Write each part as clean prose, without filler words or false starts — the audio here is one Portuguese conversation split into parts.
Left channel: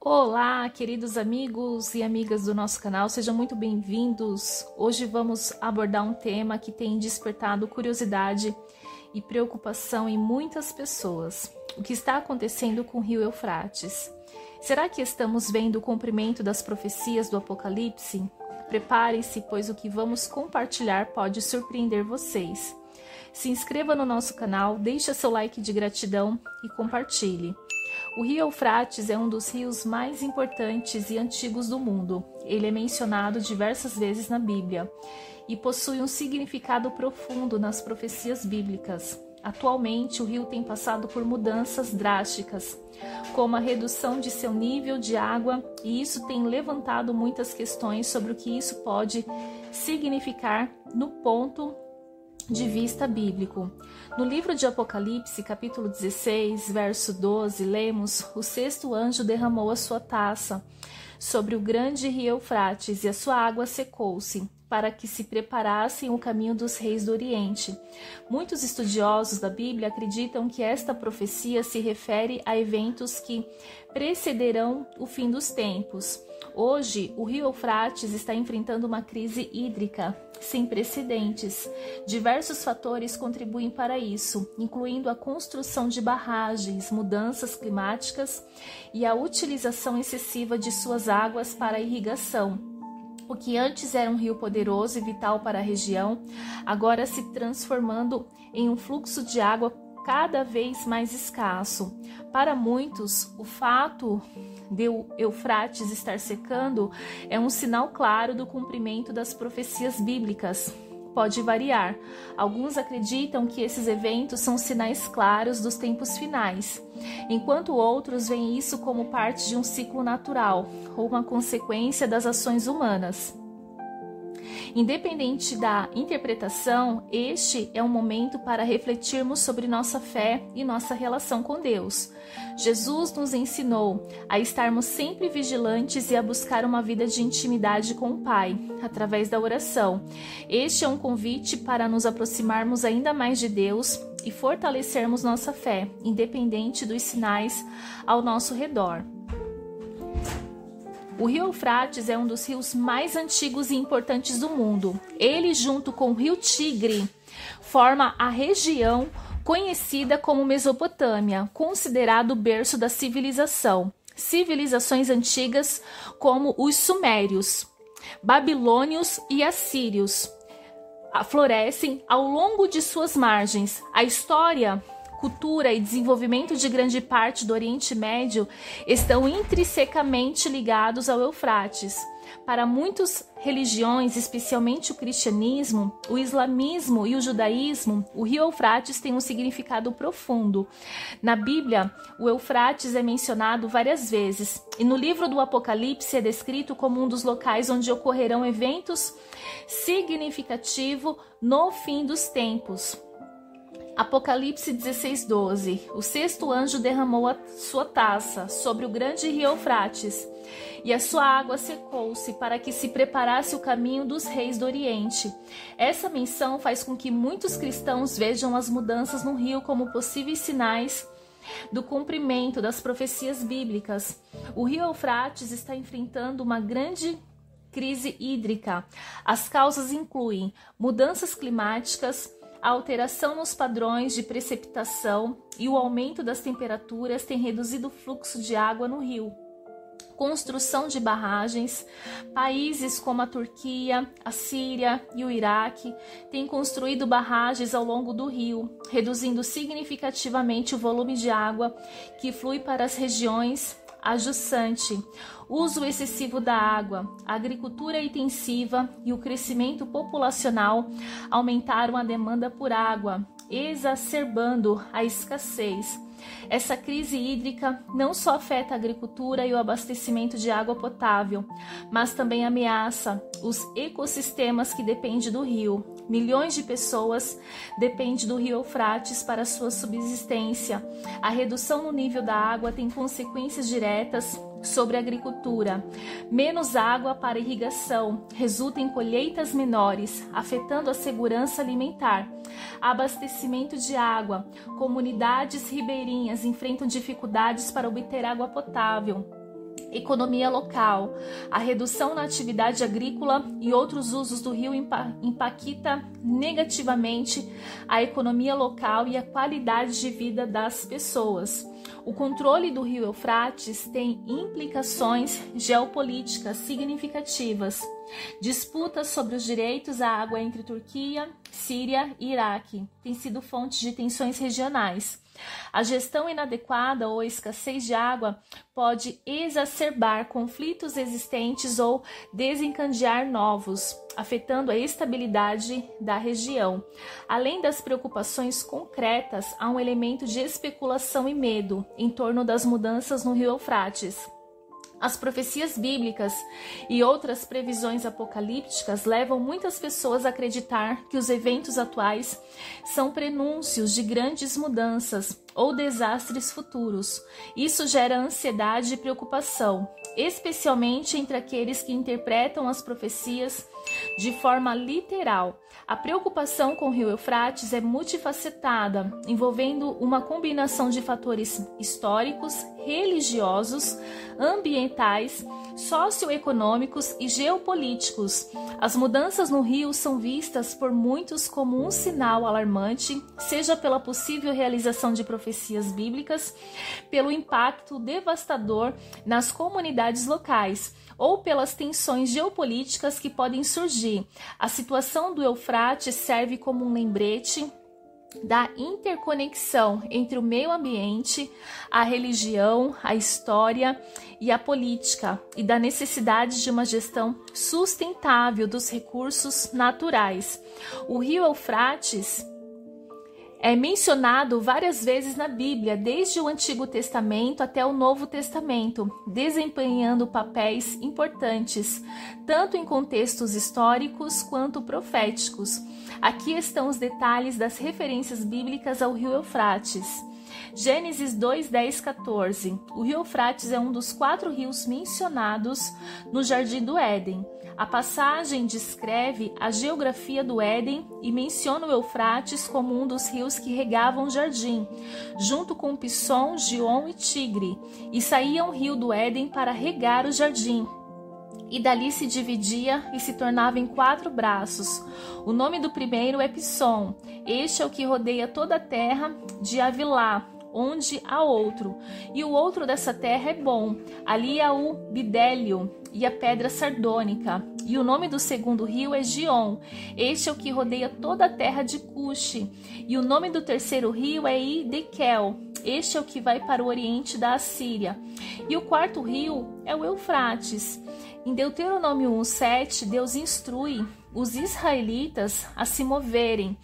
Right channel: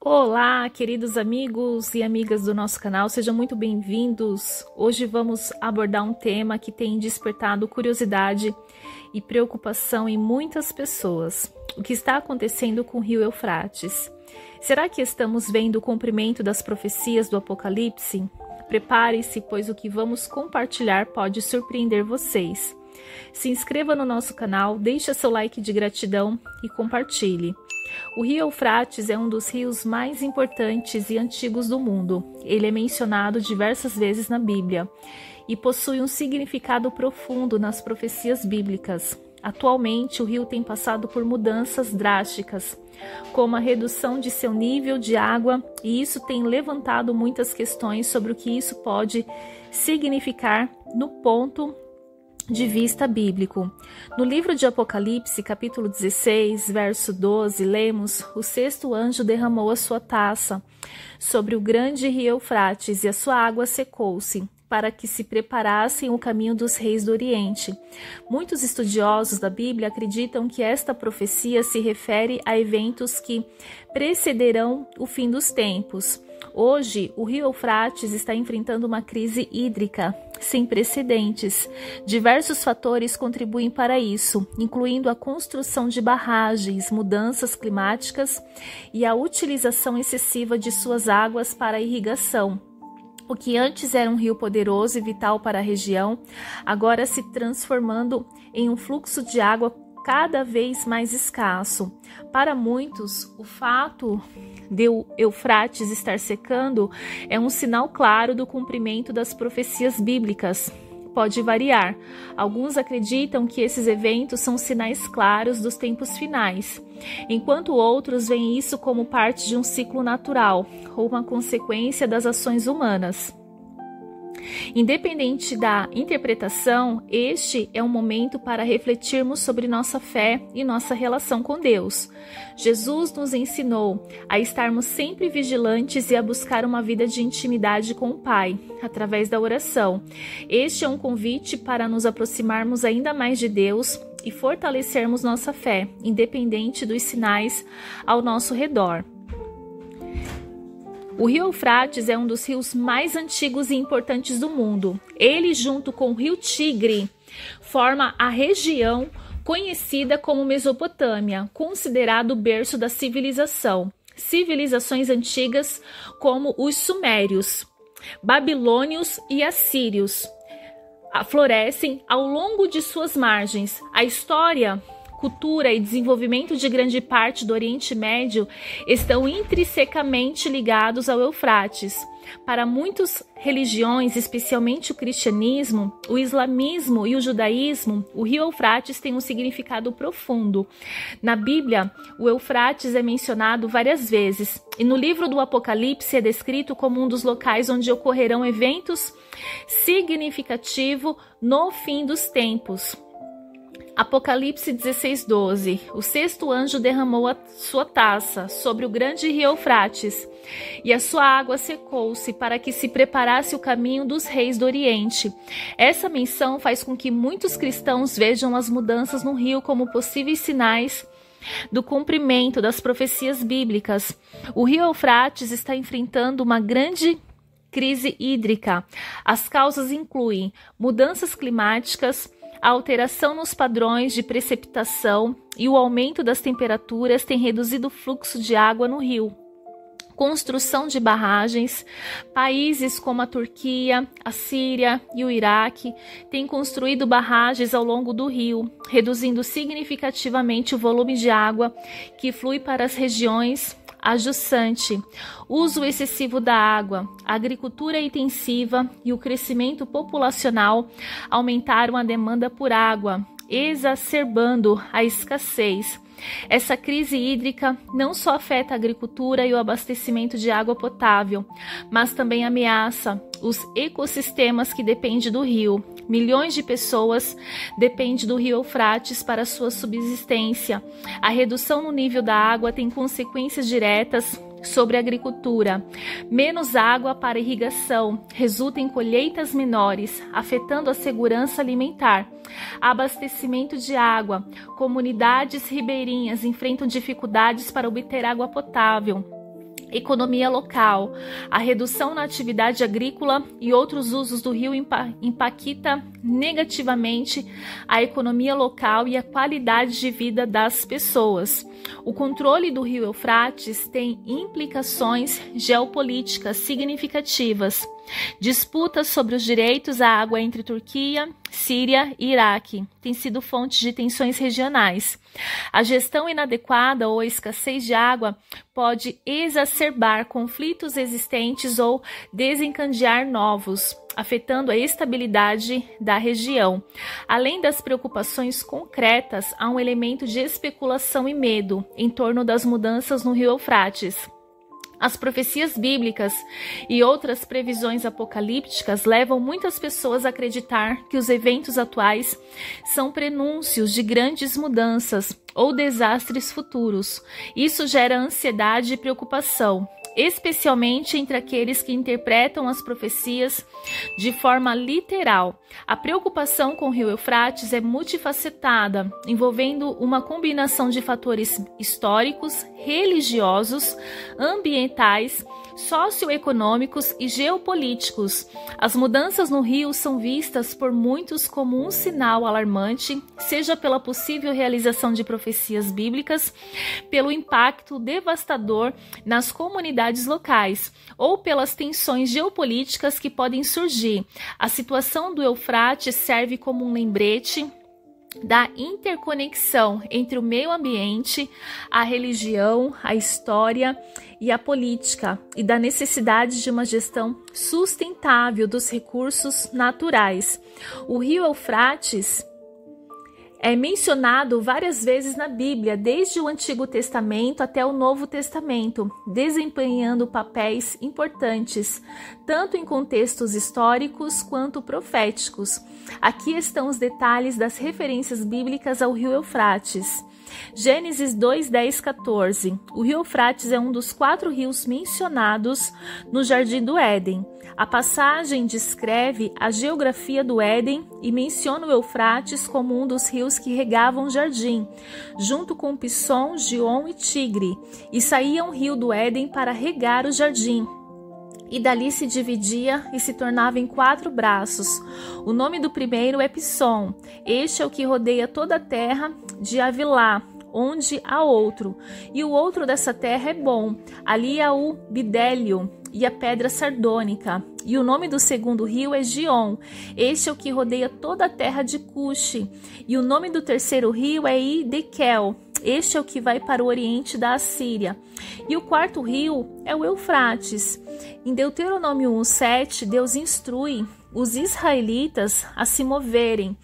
Olá, queridos amigos e amigas do nosso canal, sejam muito bem-vindos. Hoje vamos abordar um tema que tem despertado curiosidade e preocupação em muitas pessoas. O que está acontecendo com o rio Eufrates? Será que estamos vendo o cumprimento das profecias do Apocalipse? Prepare-se, pois o que vamos compartilhar pode surpreender vocês. Se inscreva no nosso canal, deixe seu like de gratidão e compartilhe. O rio Eufrates é um dos rios mais importantes e antigos do mundo. Ele é mencionado diversas vezes na Bíblia e possui um significado profundo nas profecias bíblicas. Atualmente, o rio tem passado por mudanças drásticas, como a redução de seu nível de água, e isso tem levantado muitas questões sobre o que isso pode significar no ponto de vista bíblico. No livro de Apocalipse, capítulo 16, verso 12, lemos: o sexto anjo derramou a sua taça sobre o grande rio Eufrates, e a sua água secou-se, para que se preparassem o caminho dos reis do Oriente. Muitos estudiosos da Bíblia acreditam que esta profecia se refere a eventos que precederão o fim dos tempos. Hoje, o rio Eufrates está enfrentando uma crise hídrica sem precedentes. Diversos fatores contribuem para isso, incluindo a construção de barragens, mudanças climáticas e a utilização excessiva de suas águas para a irrigação. O que antes era um rio poderoso e vital para a região, agora se transformando em um fluxo de água cada vez mais escasso. Para muitos, o fato de o Eufrates estar secando é um sinal claro do cumprimento das profecias bíblicas. Pode variar. Alguns acreditam que esses eventos são sinais claros dos tempos finais, enquanto outros veem isso como parte de um ciclo natural ou uma consequência das ações humanas. Independente da interpretação, este é um momento para refletirmos sobre nossa fé e nossa relação com Deus. Jesus nos ensinou a estarmos sempre vigilantes e a buscar uma vida de intimidade com o Pai, através da oração. Este é um convite para nos aproximarmos ainda mais de Deus e fortalecermos nossa fé, independente dos sinais ao nosso redor. O rio Eufrates é um dos rios mais antigos e importantes do mundo. Ele, junto com o rio Tigre, forma a região conhecida como Mesopotâmia, considerado o berço da civilização. Civilizações antigas como os sumérios, babilônios e assírios florescem ao longo de suas margens. A história, cultura e desenvolvimento de grande parte do Oriente Médio estão intrinsecamente ligados ao Eufrates. Para muitas religiões, especialmente o cristianismo, o islamismo e o judaísmo, o rio Eufrates tem um significado profundo. Na Bíblia, o Eufrates é mencionado várias vezes, e no livro do Apocalipse é descrito como um dos locais onde ocorrerão eventos significativos no fim dos tempos. Apocalipse 16:12. O sexto anjo derramou a sua taça sobre o grande rio Eufrates, e a sua água secou-se, para que se preparasse o caminho dos reis do Oriente. Essa menção faz com que muitos cristãos vejam as mudanças no rio como possíveis sinais do cumprimento das profecias bíblicas. O rio Eufrates está enfrentando uma grande crise hídrica. As causas incluem mudanças climáticas, a alteração nos padrões de precipitação e o aumento das temperaturas tem reduzido o fluxo de água no rio. Construção de barragens. Países como a Turquia, a Síria e o Iraque têm construído barragens ao longo do rio, reduzindo significativamente o volume de água que flui para as regiões adjacentes. Uso excessivo da água, a agricultura intensiva e o crescimento populacional aumentaram a demanda por água, exacerbando a escassez. Essa crise hídrica não só afeta a agricultura e o abastecimento de água potável, mas também ameaça os ecossistemas que dependem do rio. Milhões de pessoas dependem do rio Eufrates para sua subsistência. A redução no nível da água tem consequências diretas sobre a agricultura. Menos água para irrigação resulta em colheitas menores, afetando a segurança alimentar. Abastecimento de água. Comunidades ribeirinhas enfrentam dificuldades para obter água potável. economia local. A redução na atividade agrícola e outros usos do rio impacta negativamente a economia local e a qualidade de vida das pessoas. O controle do rio Eufrates tem implicações geopolíticas significativas. Disputas sobre os direitos à água entre Turquia, Síria e Iraque têm sido fonte de tensões regionais. A gestão inadequada ou a escassez de água pode exacerbar conflitos existentes ou desencadear novos, afetando a estabilidade da região. Além das preocupações concretas, há um elemento de especulação e medo em torno das mudanças no rio Eufrates. As profecias bíblicas e outras previsões apocalípticas levam muitas pessoas a acreditar que os eventos atuais são prenúncios de grandes mudanças ou desastres futuros. Isso gera ansiedade e preocupação, especialmente entre aqueles que interpretam as profecias de forma literal. A preocupação com o rio Eufrates é multifacetada, envolvendo uma combinação de fatores históricos, religiosos, ambientais, socioeconômicos e geopolíticos. As mudanças no rio são vistas por muitos como um sinal alarmante, seja pela possível realização de profecias bíblicas, pelo impacto devastador nas comunidades locais, ou pelas tensões geopolíticas que podem surgir. A situação do Eufrates serve como um lembrete da interconexão entre o meio ambiente, a religião, a história e a política, e da necessidade de uma gestão sustentável dos recursos naturais. O rio Eufrates é mencionado várias vezes na Bíblia, desde o Antigo Testamento até o Novo Testamento, desempenhando papéis importantes, tanto em contextos históricos quanto proféticos. Aqui estão os detalhes das referências bíblicas ao rio Eufrates. Gênesis 2, 10, 14. O rio Eufrates é um dos 4 rios mencionados no Jardim do Éden. A passagem descreve a geografia do Éden e menciona o Eufrates como um dos rios que regavam o jardim, junto com Pisson, Gion e Tigre, e saía um rio do Éden para regar o jardim. E dali se dividia e se tornava em 4 braços. O nome do primeiro é Pisson. Este é o que rodeia toda a terra de Avilá, onde há outro. E o outro dessa terra é Bom. Ali há o bidélio e a pedra sardônica. E o nome do segundo rio é Gion. Este é o que rodeia toda a terra de Cuxi. E o nome do terceiro rio é Idequel. Este é o que vai para o oriente da Assíria. E o quarto rio é o Eufrates. Em Deuteronômio 1:7, Deus instrui os israelitas a se moverem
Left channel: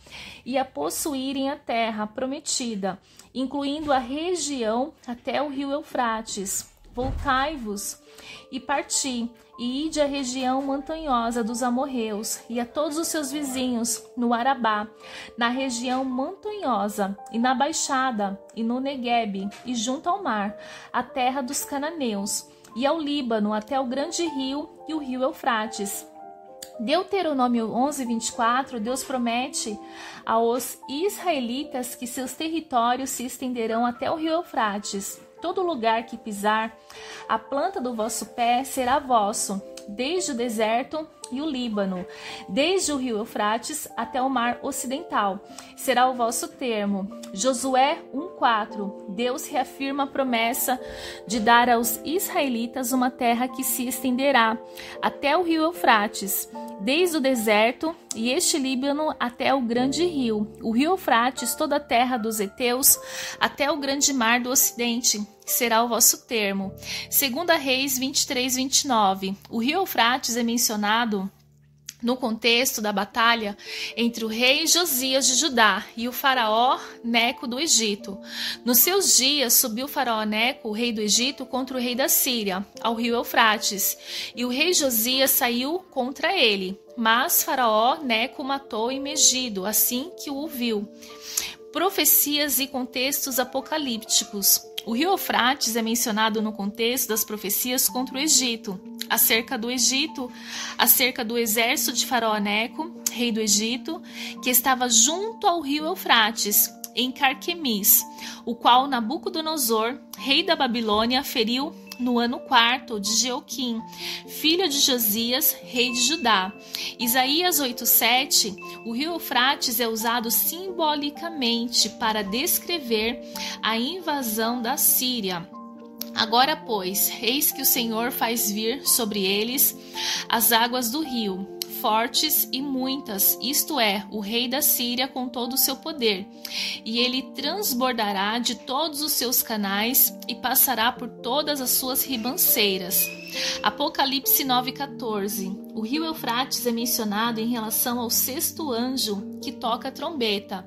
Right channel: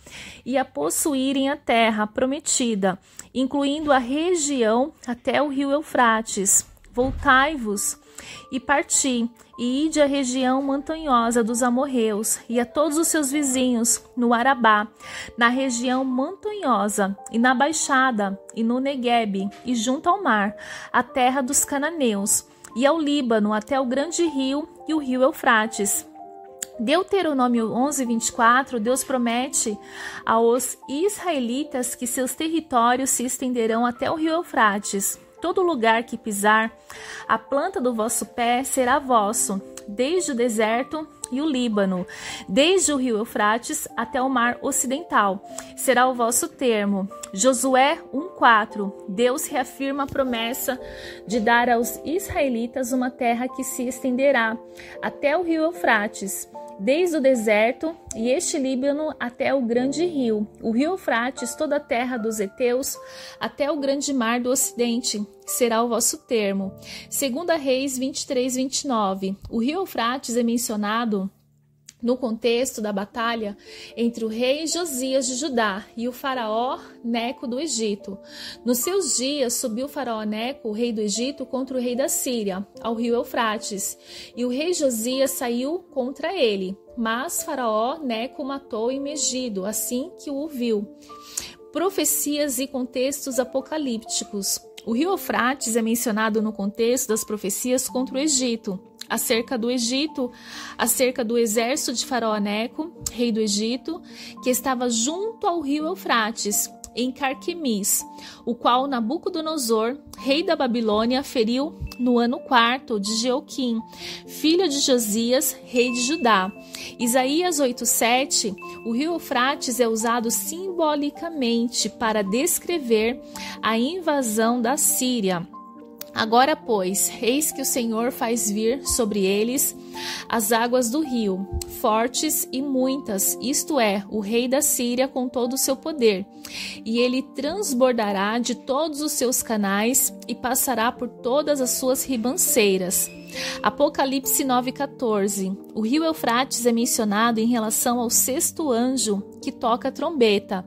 e a possuírem a terra prometida, incluindo a região até o rio Eufrates. Voltai-vos e parti, e ide à região montanhosa dos amorreus, e a todos os seus vizinhos, no Arabá, na região montanhosa, e na baixada, e no Neguebe, e junto ao mar, a terra dos cananeus, e ao Líbano, até o grande rio e o rio Eufrates. Deuteronômio 11:24, Deus promete aos israelitas que seus territórios se estenderão até o rio Eufrates. Todo lugar que pisar, a planta do vosso pé será vosso, desde o deserto e o Líbano, desde o rio Eufrates até o mar ocidental, será o vosso termo. Josué 1:4, Deus reafirma a promessa de dar aos israelitas uma terra que se estenderá até o rio Eufrates, desde o deserto e este Líbano até o grande rio, o rio Eufrates, toda a terra dos heteus, até o grande mar do ocidente, será o vosso termo. 2 Reis 23:29. O rio Eufrates é mencionado no contexto da batalha entre o rei Josias de Judá e o faraó Neco do Egito. Nos seus dias subiu o faraó Neco, o rei do Egito, contra o rei da Síria, ao rio Eufrates, e o rei Josias saiu contra ele, mas faraó Neco o matou em Megido, assim que o viu. Profecias e contextos apocalípticos. O rio Eufrates é mencionado no contexto das profecias contra o Egito, acerca do Egito, acerca do exército de faraó Neco, rei do Egito, que estava junto ao rio Eufrates. em Carquemis, o qual Nabucodonosor, rei da Babilônia, feriu no ano 4 de Jeoquim, filho de Josias, rei de Judá. Isaías 8:7, o rio Eufrates é usado simbolicamente para descrever a invasão da Síria. Agora, pois, eis que o Senhor faz vir sobre eles as águas do rio, fortes e muitas, isto é, o rei da Síria com todo o seu poder. E ele transbordará de todos os seus canais e passará por todas as suas ribanceiras. Apocalipse 9:14. O rio Eufrates é mencionado em relação ao sexto anjo que toca a trombeta,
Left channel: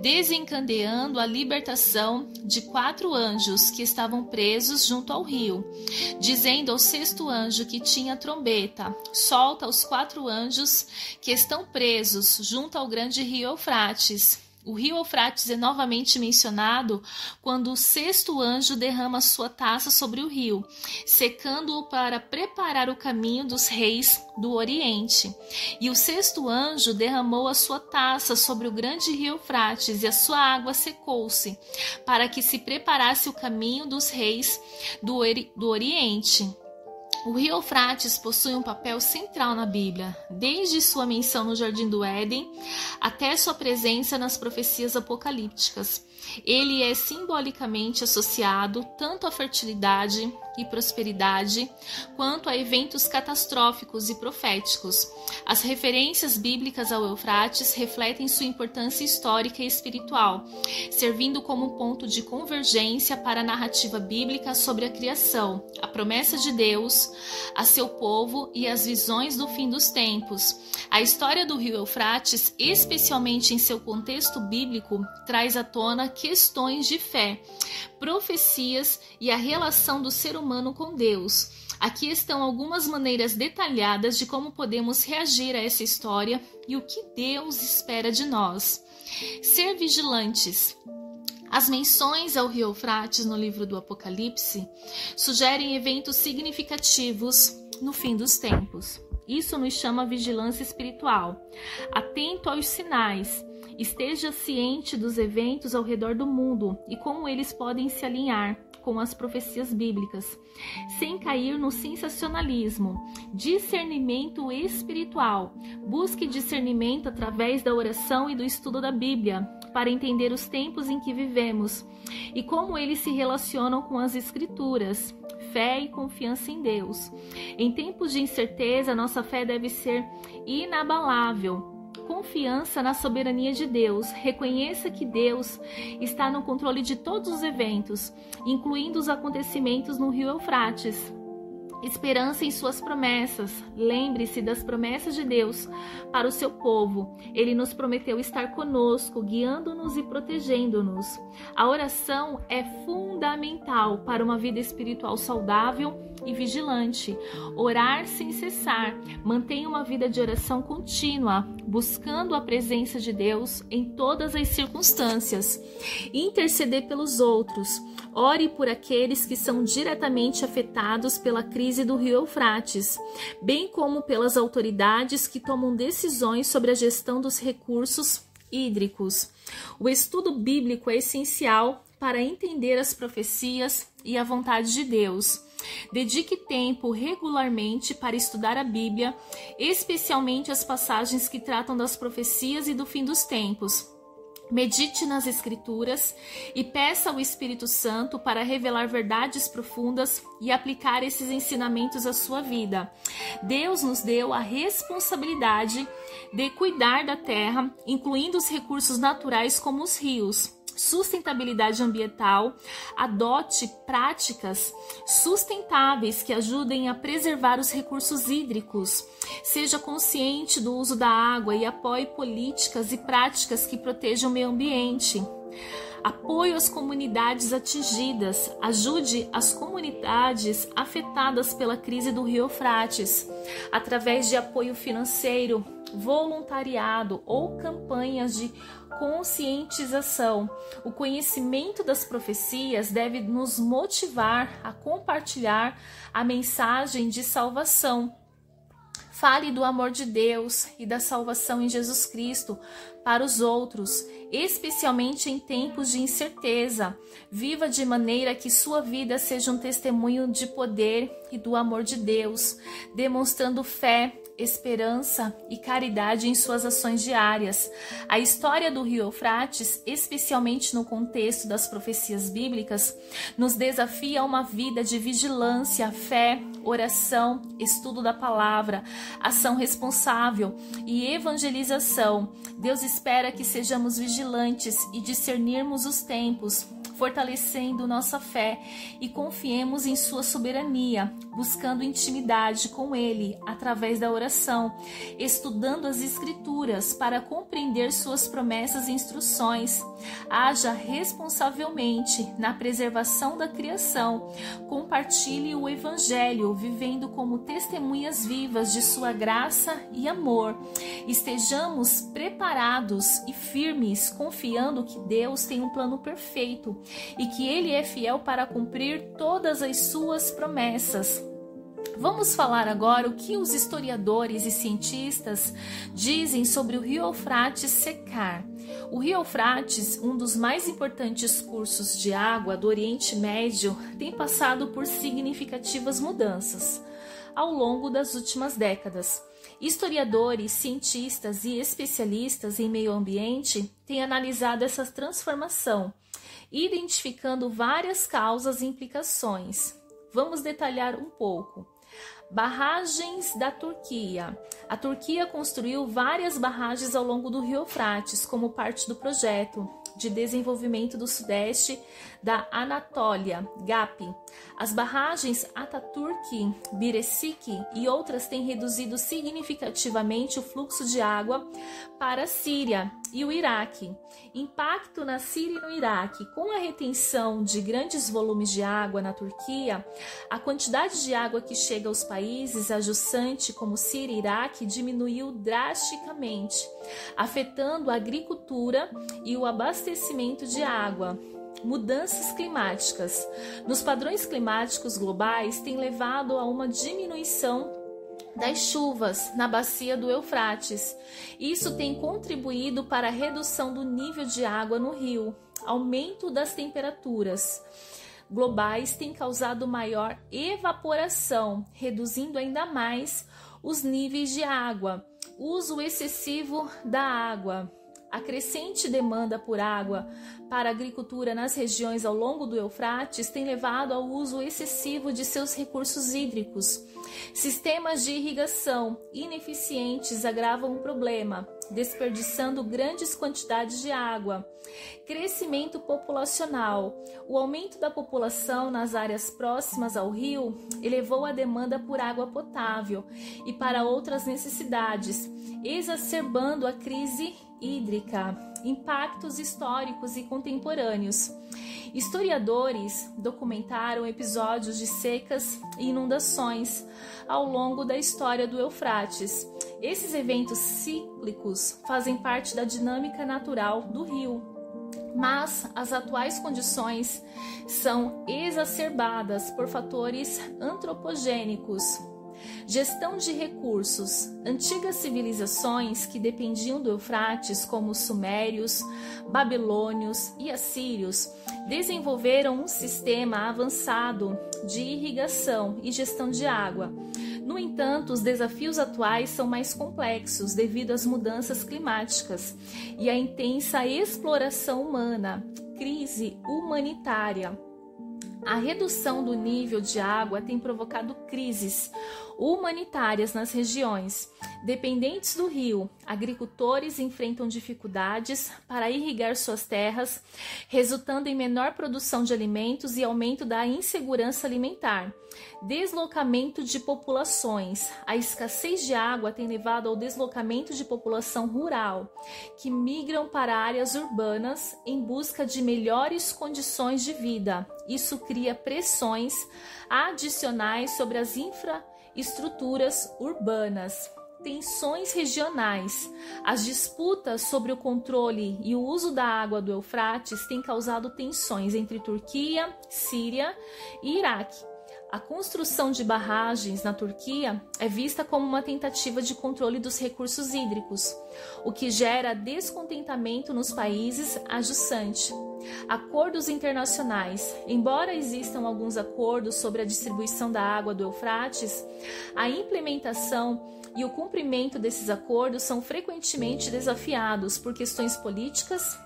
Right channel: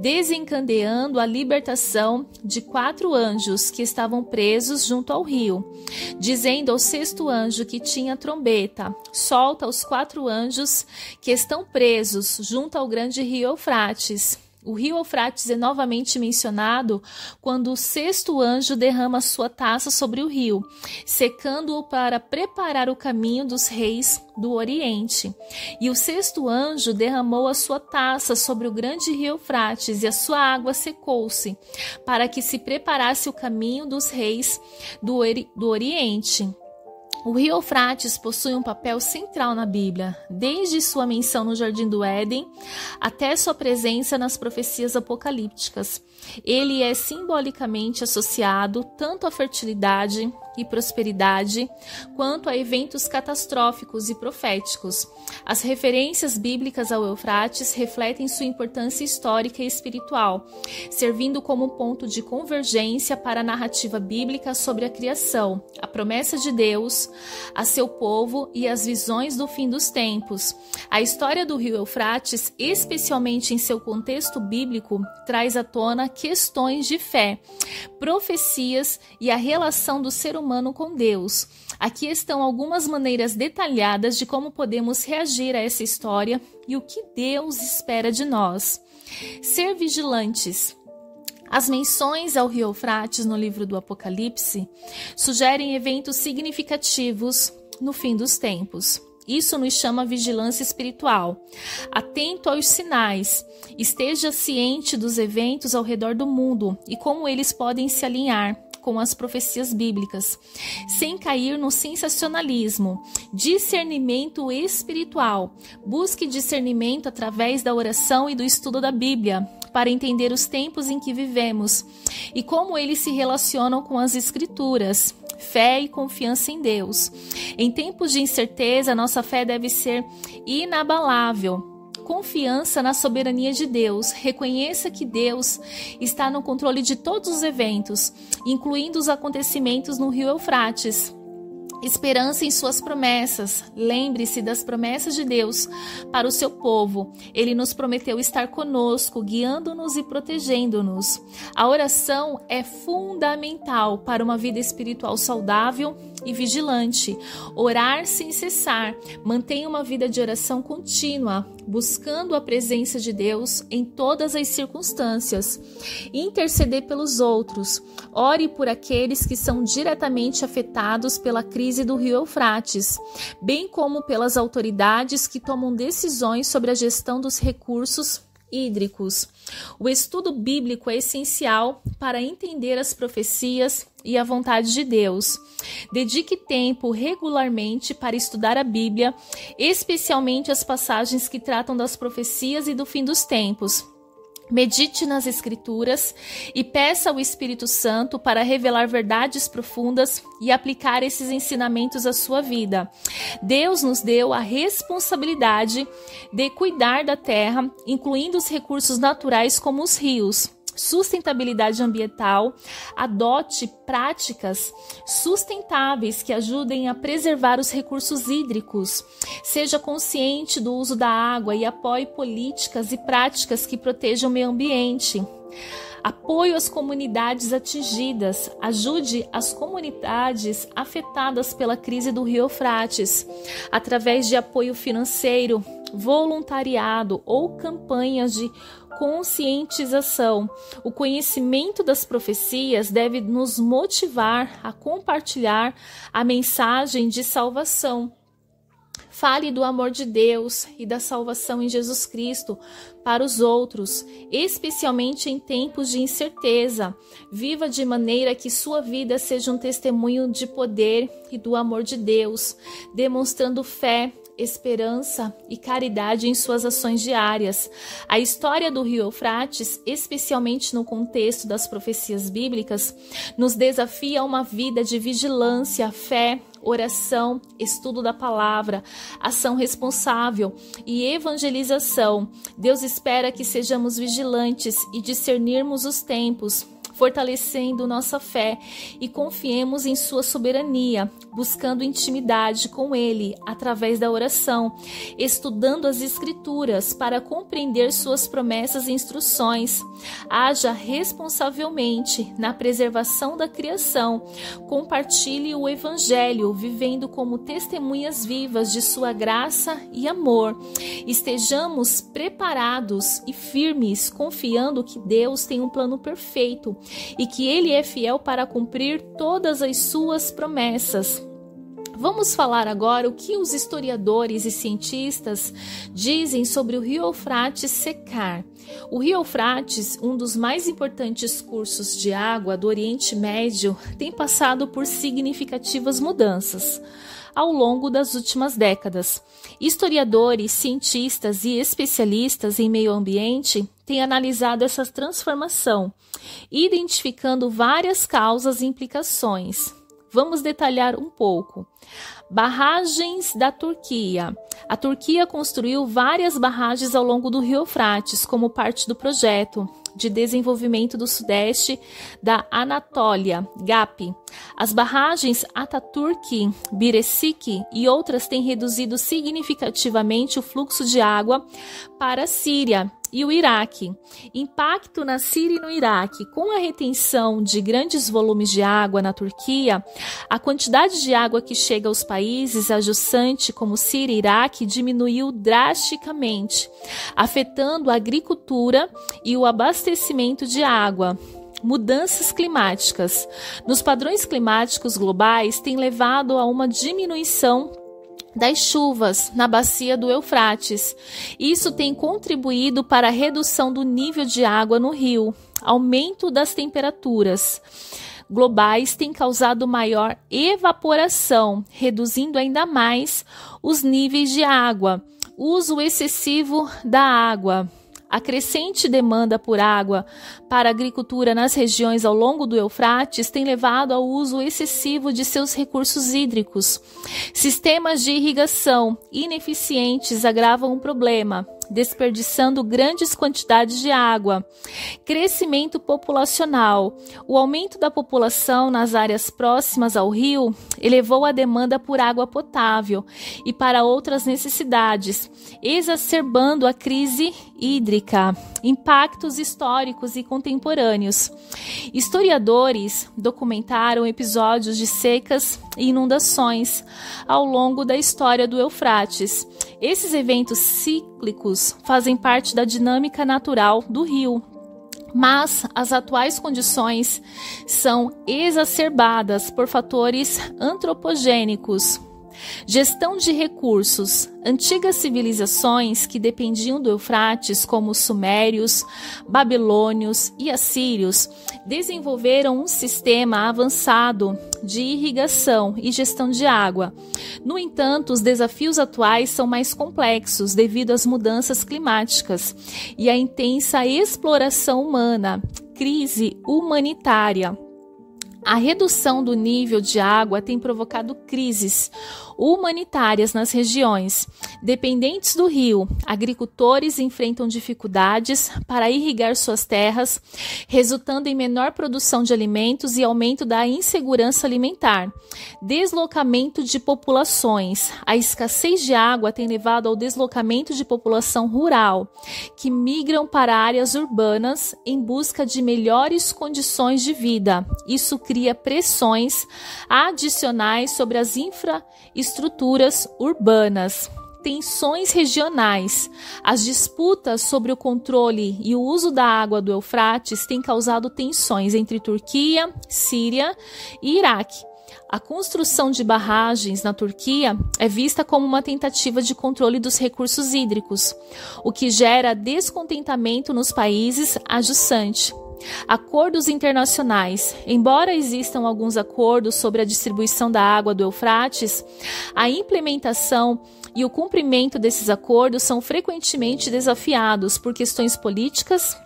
desencadeando a libertação de 4 anjos que estavam presos junto ao rio, dizendo ao sexto anjo que tinha a trombeta: solta os 4 anjos que estão presos junto ao grande rio Eufrates. O rio Eufrates é novamente mencionado quando o sexto anjo derrama sua taça sobre o rio, secando-o para preparar o caminho dos reis do Oriente. E o sexto anjo derramou a sua taça sobre o grande rio Eufrates, e a sua água secou-se, para que se preparasse o caminho dos reis do Oriente. O rio Eufrates possui um papel central na Bíblia, desde sua menção no Jardim do Éden até sua presença nas profecias apocalípticas. Ele é simbolicamente associado tanto à fertilidade e prosperidade, quanto a eventos catastróficos e proféticos. As referências bíblicas ao Eufrates refletem sua importância histórica e espiritual, servindo como ponto de convergência para a narrativa bíblica sobre a criação, a promessa de Deus a seu povo e as visões do fim dos tempos. A história do rio Eufrates, especialmente em seu contexto bíblico, traz à tona questões de fé, profecias e a relação do ser humano com Deus. Aqui estão algumas maneiras detalhadas de como podemos reagir a essa história e o que Deus espera de nós. Ser vigilantes. As menções ao rio Eufrates no livro do Apocalipse sugerem eventos significativos no fim dos tempos. Isso nos chama vigilância espiritual. Atento aos sinais, esteja ciente dos eventos ao redor do mundo e como eles podem se alinhar com as profecias bíblicas, sem cair no sensacionalismo. Discernimento espiritual. Busque discernimento através da oração e do estudo da Bíblia, para entender os tempos em que vivemos e como eles se relacionam com as Escrituras. Fé e confiança em Deus. Em tempos de incerteza, nossa fé deve ser inabalável. Confiança na soberania de Deus. Reconheça que Deus está no controle de todos os eventos, incluindo os acontecimentos no rio Eufrates. Esperança em suas promessas. Lembre-se das promessas de Deus para o seu povo. Ele nos prometeu estar conosco, guiando-nos e protegendo-nos. A oração é fundamental para uma vida espiritual saudável e vigilante. Orar sem cessar. Mantenha uma vida de oração contínua, buscando a presença de Deus em todas as circunstâncias. Interceder pelos outros. Ore por aqueles que são diretamente afetados pela crise do rio Eufrates, bem como pelas autoridades que tomam decisões sobre a gestão dos recursos hídricos. O estudo bíblico é essencial para entender as profecias e a vontade de Deus. Dedique tempo regularmente para estudar a Bíblia, especialmente as passagens que tratam das profecias e do fim dos tempos. Medite nas Escrituras e peça ao Espírito Santo para revelar verdades profundas e aplicar esses ensinamentos à sua vida. Deus nos deu a responsabilidade de cuidar da terra, incluindo os recursos naturais como os rios. Sustentabilidade ambiental. Adote práticas sustentáveis que ajudem a preservar os recursos hídricos. Seja consciente do uso da água e apoie políticas e práticas que protejam o meio ambiente. Apoio às comunidades atingidas. Ajude as comunidades afetadas pela crise do rio Eufrates, através de apoio financeiro, voluntariado ou campanhas de conscientização. O conhecimento das profecias deve nos motivar a compartilhar a mensagem de salvação. Fale do amor de Deus e da salvação em Jesus Cristo para os outros, especialmente em tempos de incerteza. Viva de maneira que sua vida seja um testemunho de poder e do amor de Deus, demonstrando fé, esperança e caridade em suas ações diárias. A história do rio Eufrates, especialmente no contexto das profecias bíblicas, nos desafia a uma vida de vigilância, fé, oração, estudo da palavra, ação responsável e evangelização. Deus espera que sejamos vigilantes e discernirmos os tempos, fortalecendo nossa fé e confiemos em sua soberania, buscando intimidade com Ele através da oração, estudando as Escrituras para compreender suas promessas e instruções. Haja responsavelmente na preservação da criação. Compartilhe o Evangelho, vivendo como testemunhas vivas de sua graça e amor. Estejamos preparados e firmes, confiando que Deus tem um plano perfeito e que Ele é fiel para cumprir todas as suas promessas. Vamos falar agora o que os historiadores e cientistas dizem sobre o rio Eufrates secar. O rio Eufrates, um dos mais importantes cursos de água do Oriente Médio, tem passado por significativas mudanças ao longo das últimas décadas. Historiadores, cientistas e especialistas em meio ambiente têm analisado essa transformação, identificando várias causas e implicações. Vamos detalhar um pouco. Barragens da Turquia. A Turquia construiu várias barragens ao longo do rio Eufrates como parte do projeto de desenvolvimento do sudeste da Anatólia, GAP. As barragens Ataturk, Birecik e outras têm reduzido significativamente o fluxo de água para a Síria e o Iraque. Impacto na Síria e no Iraque. Com a retenção de grandes volumes de água na Turquia, a quantidade de água que chega aos países adjacentes como Síria e Iraque diminuiu drasticamente, afetando a agricultura e o abastecimento de água. Mudanças climáticas. Nos padrões climáticos globais têm levado a uma diminuição das chuvas na bacia do Eufrates. Isso tem contribuído para a redução do nível de água no rio. Aumento das temperaturas globais tem causado maior evaporação, reduzindo ainda mais os níveis de água. Uso excessivo da água. A crescente demanda por água para a agricultura nas regiões ao longo do Eufrates tem levado ao uso excessivo de seus recursos hídricos. Sistemas de irrigação ineficientes agravam o problema, desperdiçando grandes quantidades de água. Crescimento populacional. O aumento da população nas áreas próximas ao rio elevou a demanda por água potável e para outras necessidades, exacerbando a crise hídrica. Impactos históricos e contemporâneos. Historiadores documentaram episódios de secas e inundações ao longo da história do Eufrates. Esses eventos cíclicos fazem parte da dinâmica natural do rio, mas as atuais condições são exacerbadas por fatores antropogênicos. Gestão de recursos. Antigas civilizações que dependiam do Eufrates, como os sumérios, babilônios e assírios, desenvolveram um sistema avançado de irrigação e gestão de água. No entanto, os desafios atuais são mais complexos devido às mudanças climáticas e à intensa exploração humana, crise humanitária. A redução do nível de água tem provocado crises humanitárias nas regiões dependentes do rio. Agricultores enfrentam dificuldades para irrigar suas terras, resultando em menor produção de alimentos e aumento da insegurança alimentar. Deslocamento de populações. A escassez de água tem levado ao deslocamento de população rural, que migram para áreas urbanas em busca de melhores condições de vida. Isso cria pressões adicionais sobre as infraestruturas urbanas. Tensões regionais. As disputas sobre o controle e o uso da água do Eufrates têm causado tensões entre Turquia, Síria e Iraque. A construção de barragens na Turquia é vista como uma tentativa de controle dos recursos hídricos, o que gera descontentamento nos países adjacentes. Acordos internacionais. Embora existam alguns acordos sobre a distribuição da água do Eufrates, a implementação e o cumprimento desses acordos são frequentemente desafiados por questões políticas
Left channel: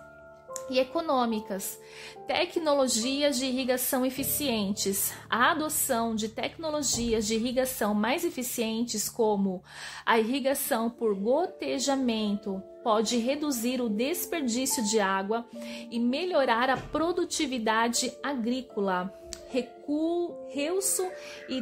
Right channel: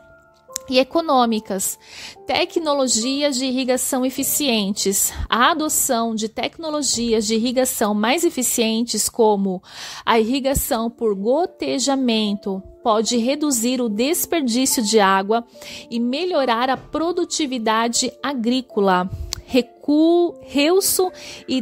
e econômicas. Tecnologias de irrigação eficientes. A adoção de tecnologias de irrigação mais eficientes, como a irrigação por gotejamento, pode reduzir o desperdício de água e melhorar a produtividade agrícola. Reuso e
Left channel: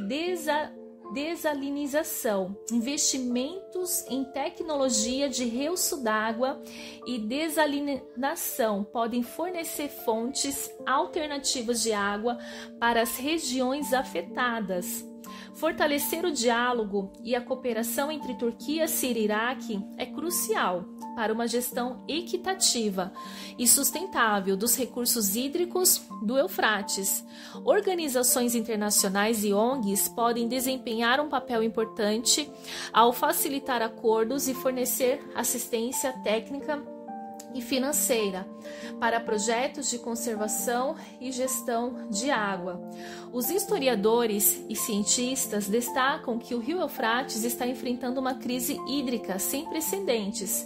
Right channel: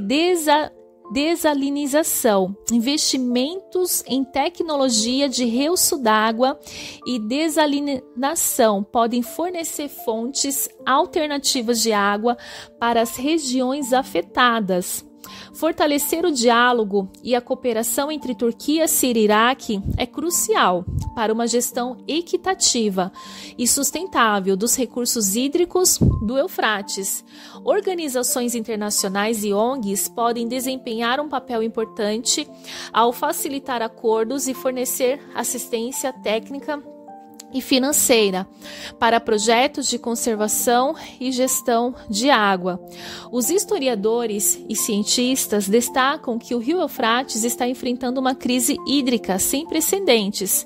desalinização, investimentos em tecnologia de reuso d'água e desalinação podem fornecer fontes alternativas de água para as regiões afetadas. Fortalecer o diálogo e a cooperação entre Turquia, Síria e Iraque é crucial para uma gestão equitativa e sustentável dos recursos hídricos do Eufrates. Organizações internacionais e ONGs podem desempenhar um papel importante ao facilitar acordos e fornecer assistência técnica e financeira para projetos de conservação e gestão de água. Os historiadores e cientistas destacam que o rio Eufrates está enfrentando uma crise hídrica sem precedentes,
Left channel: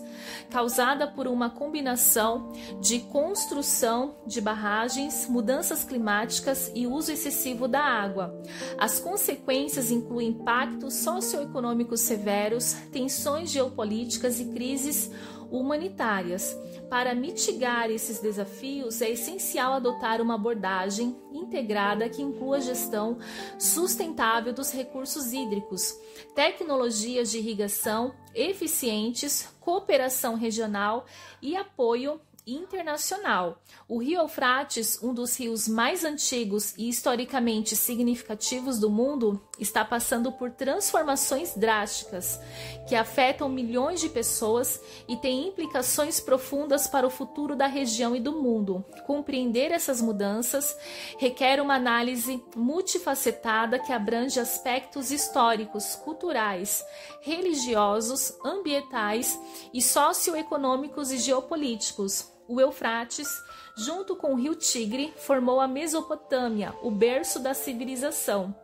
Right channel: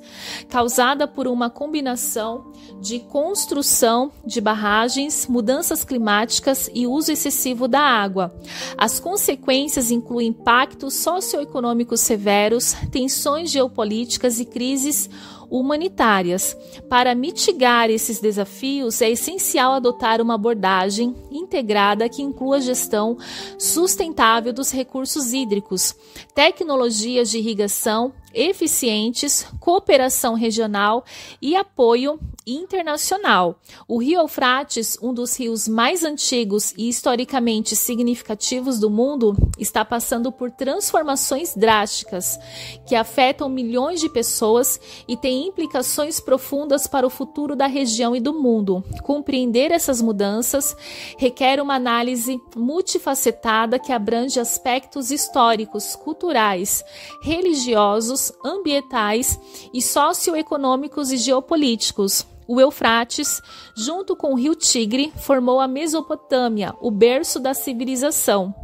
causada por uma combinação de construção de barragens, mudanças climáticas e uso excessivo da água. As consequências incluem impactos socioeconômicos severos, tensões geopolíticas e crises humanitárias. Para mitigar esses desafios, é essencial adotar uma abordagem integrada que inclua a gestão sustentável dos recursos hídricos, tecnologias de irrigação eficientes, cooperação regional e apoio internacional. O rio Eufrates, um dos rios mais antigos e historicamente significativos do mundo, está passando por transformações drásticas que afetam milhões de pessoas e têm implicações profundas para o futuro da região e do mundo. Compreender essas mudanças requer uma análise multifacetada que abrange aspectos históricos, culturais, religiosos, ambientais e socioeconômicos e geopolíticos. O Eufrates, junto com o rio Tigre, formou a Mesopotâmia, o berço da civilização,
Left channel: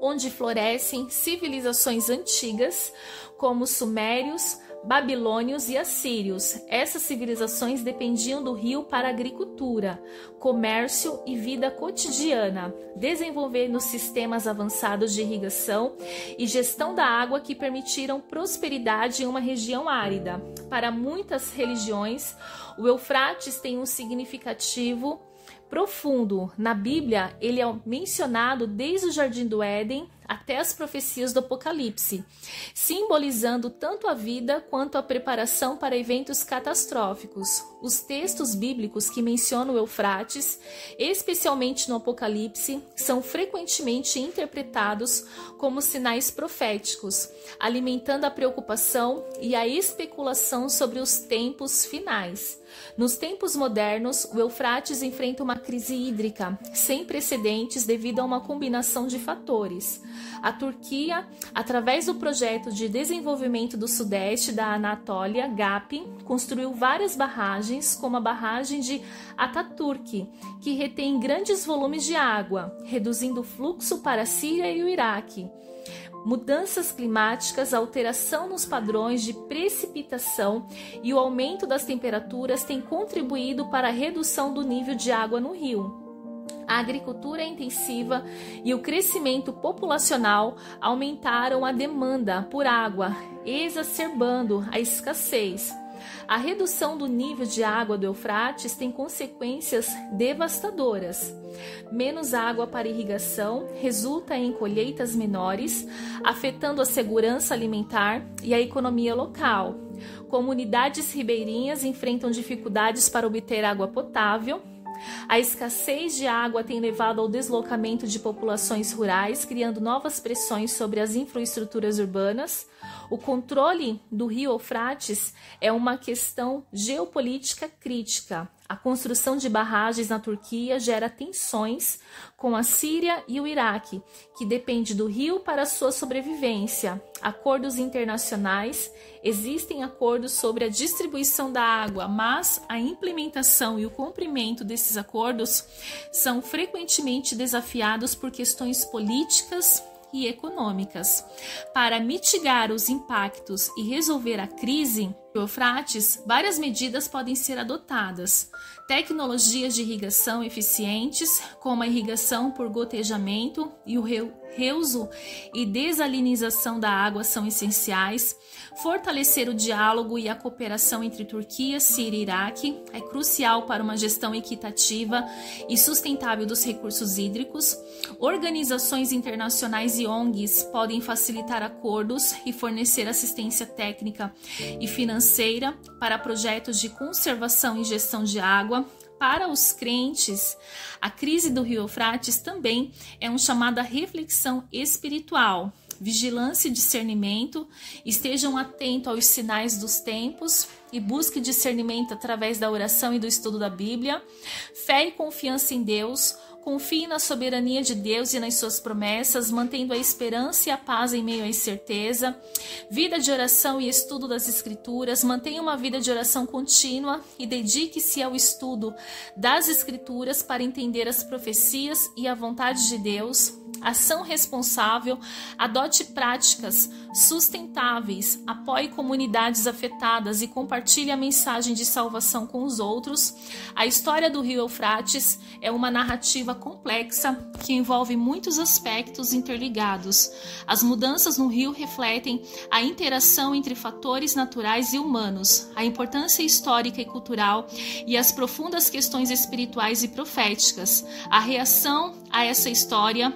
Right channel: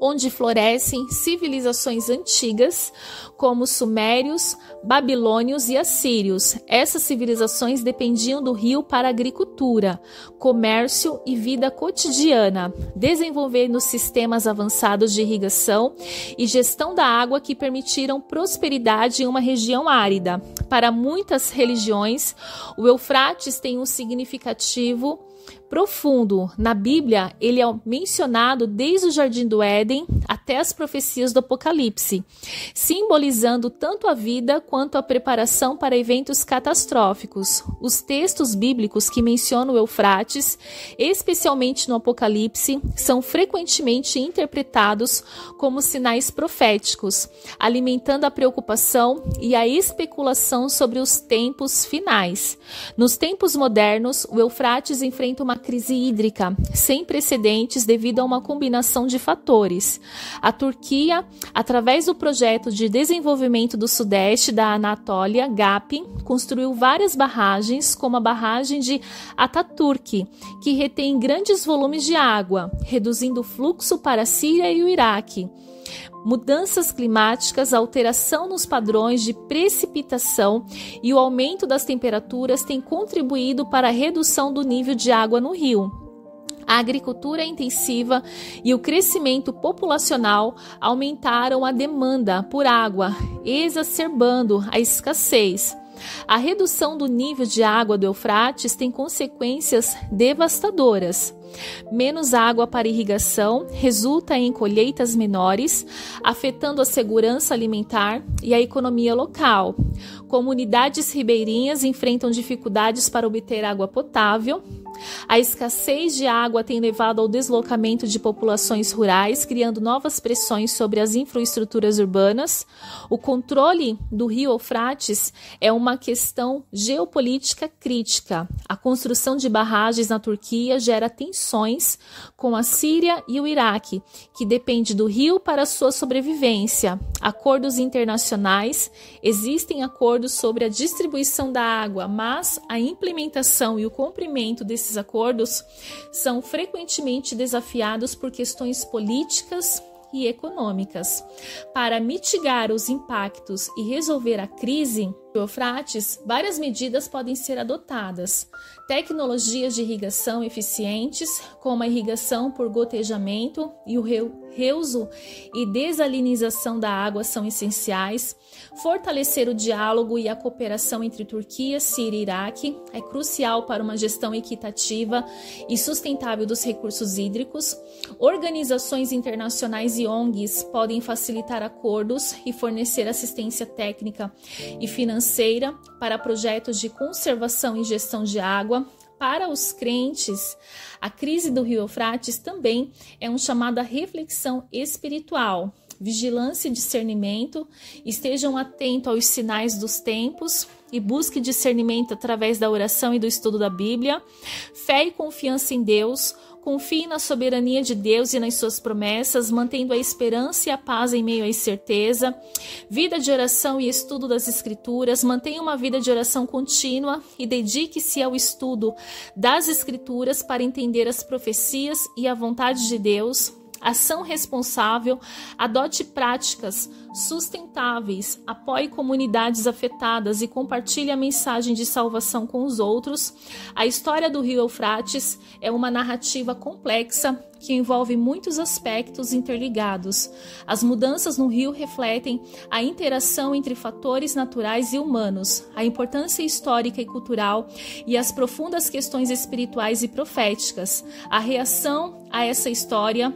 onde florescem civilizações antigas como os sumérios, babilônios e assírios. Essas civilizações dependiam do rio para agricultura, comércio e vida cotidiana, desenvolvendo sistemas avançados de irrigação e gestão da água que permitiram prosperidade em uma região árida. Para muitas religiões, o Eufrates tem um significativo profundo. Na Bíblia, ele é mencionado desde o Jardim do Éden até as profecias do Apocalipse, simbolizando tanto a vida quanto a preparação para eventos catastróficos. Os textos bíblicos que mencionam o Eufrates, especialmente no Apocalipse, são frequentemente interpretados como sinais proféticos, alimentando a preocupação e a especulação sobre os tempos finais. Nos tempos modernos, o Eufrates enfrenta uma crise hídrica sem precedentes devido a uma combinação de fatores. A Turquia, através do projeto de desenvolvimento do Sudeste da Anatólia, GAP, construiu várias barragens, como a barragem de Ataturk, que retém grandes volumes de água, reduzindo o fluxo para a Síria e o Iraque. Mudanças climáticas, alteração nos padrões de precipitação e o aumento das temperaturas têm contribuído para a redução do nível de água no rio. A agricultura intensiva e o crescimento populacional aumentaram a demanda por água, exacerbando a escassez. A redução do nível de água do Eufrates tem consequências devastadoras. Menos água para irrigação resulta em colheitas menores, afetando a segurança alimentar e a economia local. Comunidades ribeirinhas enfrentam dificuldades para obter água potável. A escassez de água tem levado ao deslocamento de populações rurais, criando novas pressões sobre as infraestruturas urbanas. O controle do rio Eufrates é uma questão geopolítica crítica. A construção de barragens na Turquia gera tensões com a Síria e o Iraque, que depende do rio para sua sobrevivência. Acordos internacionais. Existem acordos sobre a distribuição da água, mas a implementação e o cumprimento desses acordos são frequentemente desafiados por questões políticas e econômicas. Para mitigar os impactos e resolver a crise do Eufrates, várias medidas podem ser adotadas. Tecnologias de irrigação eficientes, como a irrigação por gotejamento e o reuso e desalinização da água são essenciais. Fortalecer o diálogo e a cooperação entre Turquia, Síria e Iraque é crucial para uma gestão equitativa e sustentável dos recursos hídricos. Organizações internacionais e ONGs podem facilitar acordos e fornecer assistência técnica e financeira para projetos de conservação e gestão de água. Para os crentes, a crise do rio Eufrates também é um chamado à reflexão espiritual. Vigilância e discernimento, estejam atentos aos sinais dos tempos e busque discernimento através da oração e do estudo da Bíblia. Fé e confiança em Deus, confie na soberania de Deus e nas suas promessas, mantendo a esperança e a paz em meio à incerteza. Vida de oração e estudo das Escrituras, mantenha uma vida de oração contínua e dedique-se ao estudo das Escrituras para entender as profecias e a vontade de Deus. Ação responsável, adote práticas sustentáveis, apoie comunidades afetadas e compartilhe a mensagem de salvação com os outros. A história do rio Eufrates é uma narrativa complexa que envolve muitos aspectos interligados. As mudanças no rio refletem a interação entre fatores naturais e humanos, a importância histórica e cultural e as profundas questões espirituais e proféticas. A reação a essa história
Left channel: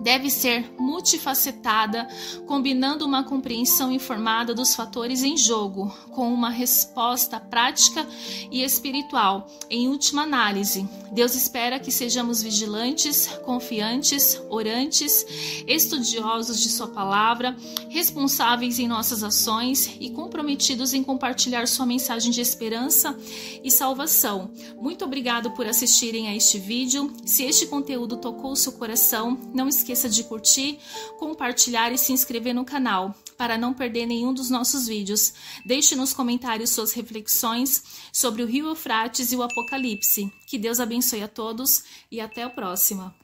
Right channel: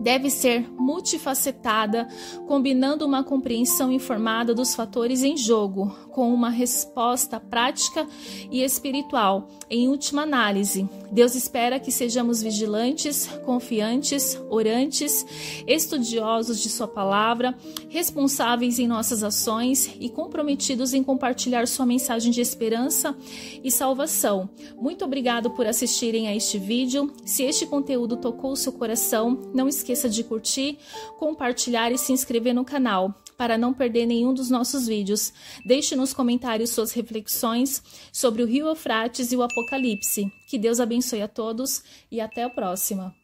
deve ser multifacetada, combinando uma compreensão informada dos fatores em jogo, com uma resposta prática e espiritual. Em última análise, Deus espera que sejamos vigilantes, confiantes, orantes, estudiosos de sua palavra, responsáveis em nossas ações e comprometidos em compartilhar sua mensagem de esperança e salvação. Muito obrigado por assistirem a este vídeo. Se este conteúdo tocou o seu coração, não esqueça de curtir, compartilhar e se inscrever no canal para não perder nenhum dos nossos vídeos. Deixe nos comentários suas reflexões sobre o rio Eufrates e o Apocalipse. Que Deus abençoe a todos e até a próxima.